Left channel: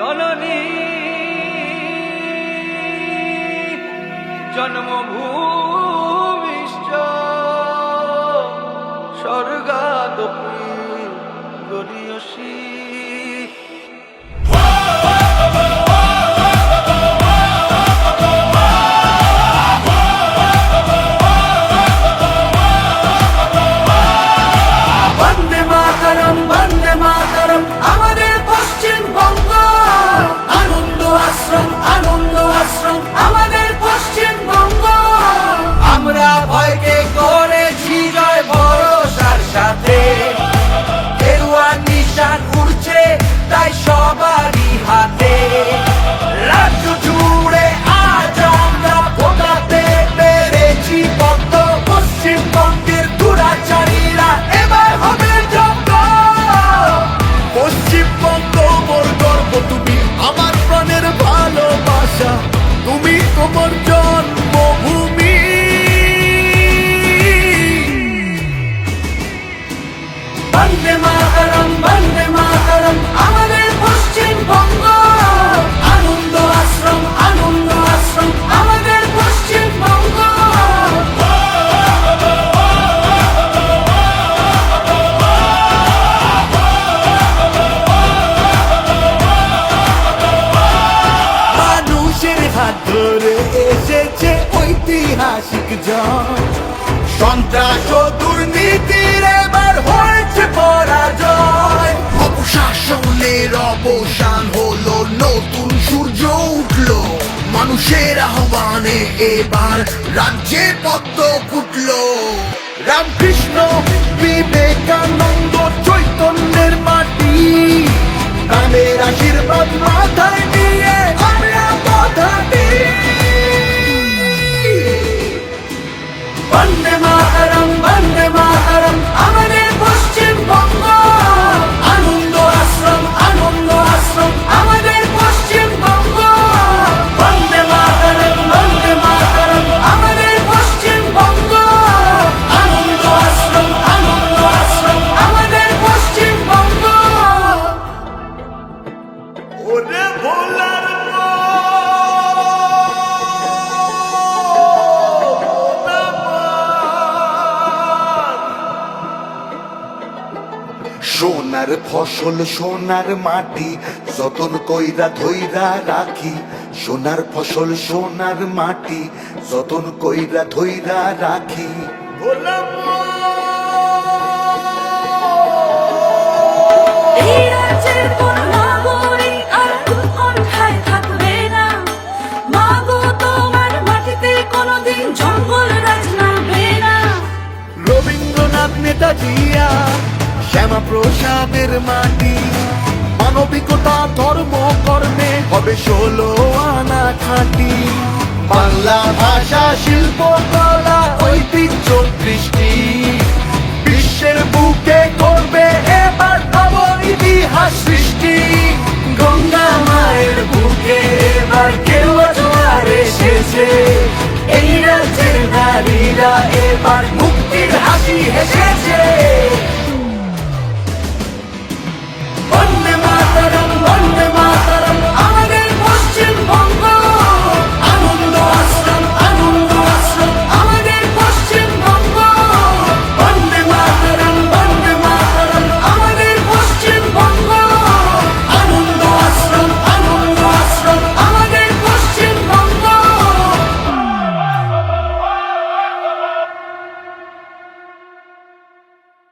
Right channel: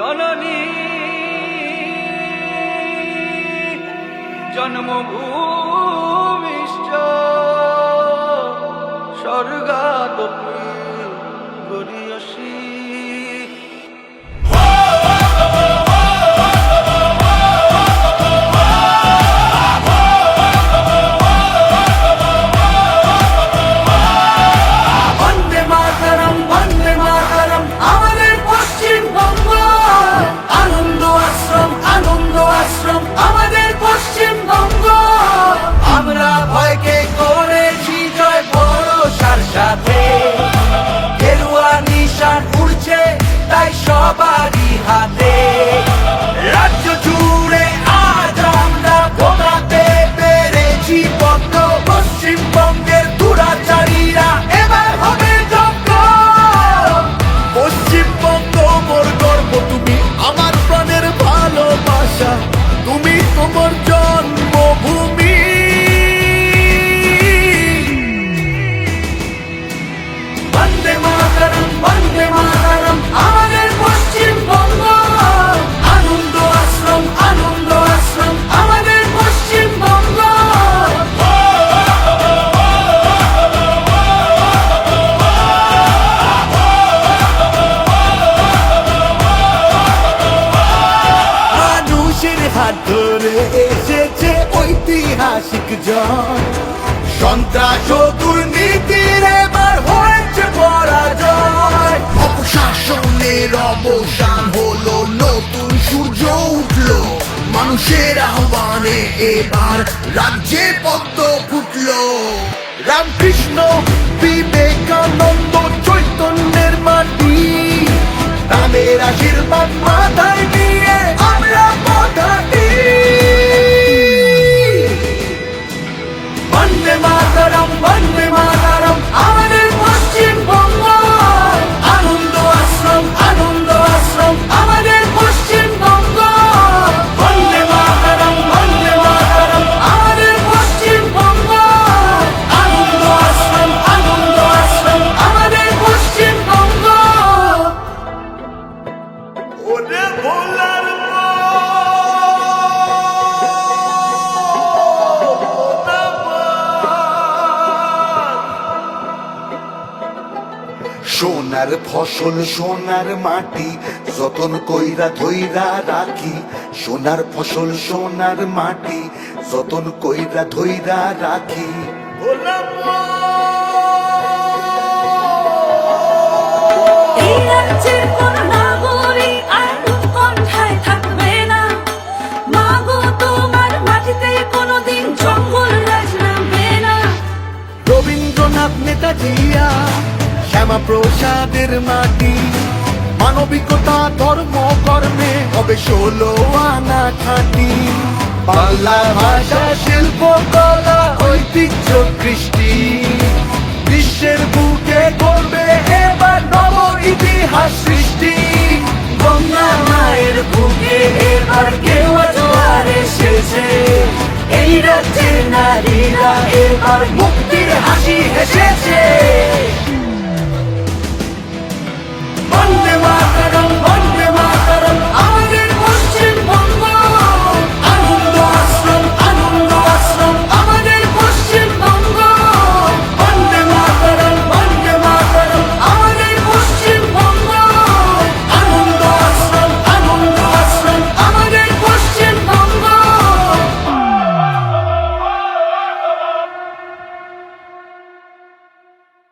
জননী জন্মভূমিশ্চ স্বর্গাদপি গরীয়সী। তুমি আমার প্রাণের ভালোবাসা, তুমি তোমার জন্মভূমি। বন্দে মাতরম বন্দে মাতরম আমাদের পশ্চিমবঙ্গ। আনন্দ আশ্রম আনন্দ আশ্রম আমাদের পশ্চিমবঙ্গ। হাত ধরে এসেছে ঐতিহাসিক জন, সন্ত্রাস ও দুর্নীতির এবার হয়েছে পরাজয়। অপশাসনের অবসান হলো, নতুন সূর্য উঠলো, মানুষের আহ্বানে এবার রাজ্যে পদ্ম ফুটলো। রামকৃষ্ণ বিবেকানন্দ চৈতন্যের মাটি, তাদের আশীর্বাদ মাথায় নিয়ে আমরা পথহাঁটি। বন্দে মাতরম বন্দে মাতরম আমাদের পশ্চিমবঙ্গ। আনন্দ আশ্রম আনন্দ আশ্রম আমাদের পশ্চিমবঙ্গ। বন্দে মাতরম বন্দে মাতরম আমাদের পশ্চিমবঙ্গ। আনন্দ আশ্রম আমাদের পশ্চিমবঙ্গ। ওরে ভোলার সোনার ফসল সোনার মাটি, যতন কইরা ধইরা রাখি। সোনার ফসল সোনার মাটি, যতন কইরা ধইরা রাখি। ভোলা মাটি, মানবিকতা ধর্ম কর্মে হবে 16 আনা খাঁটি। বাংলা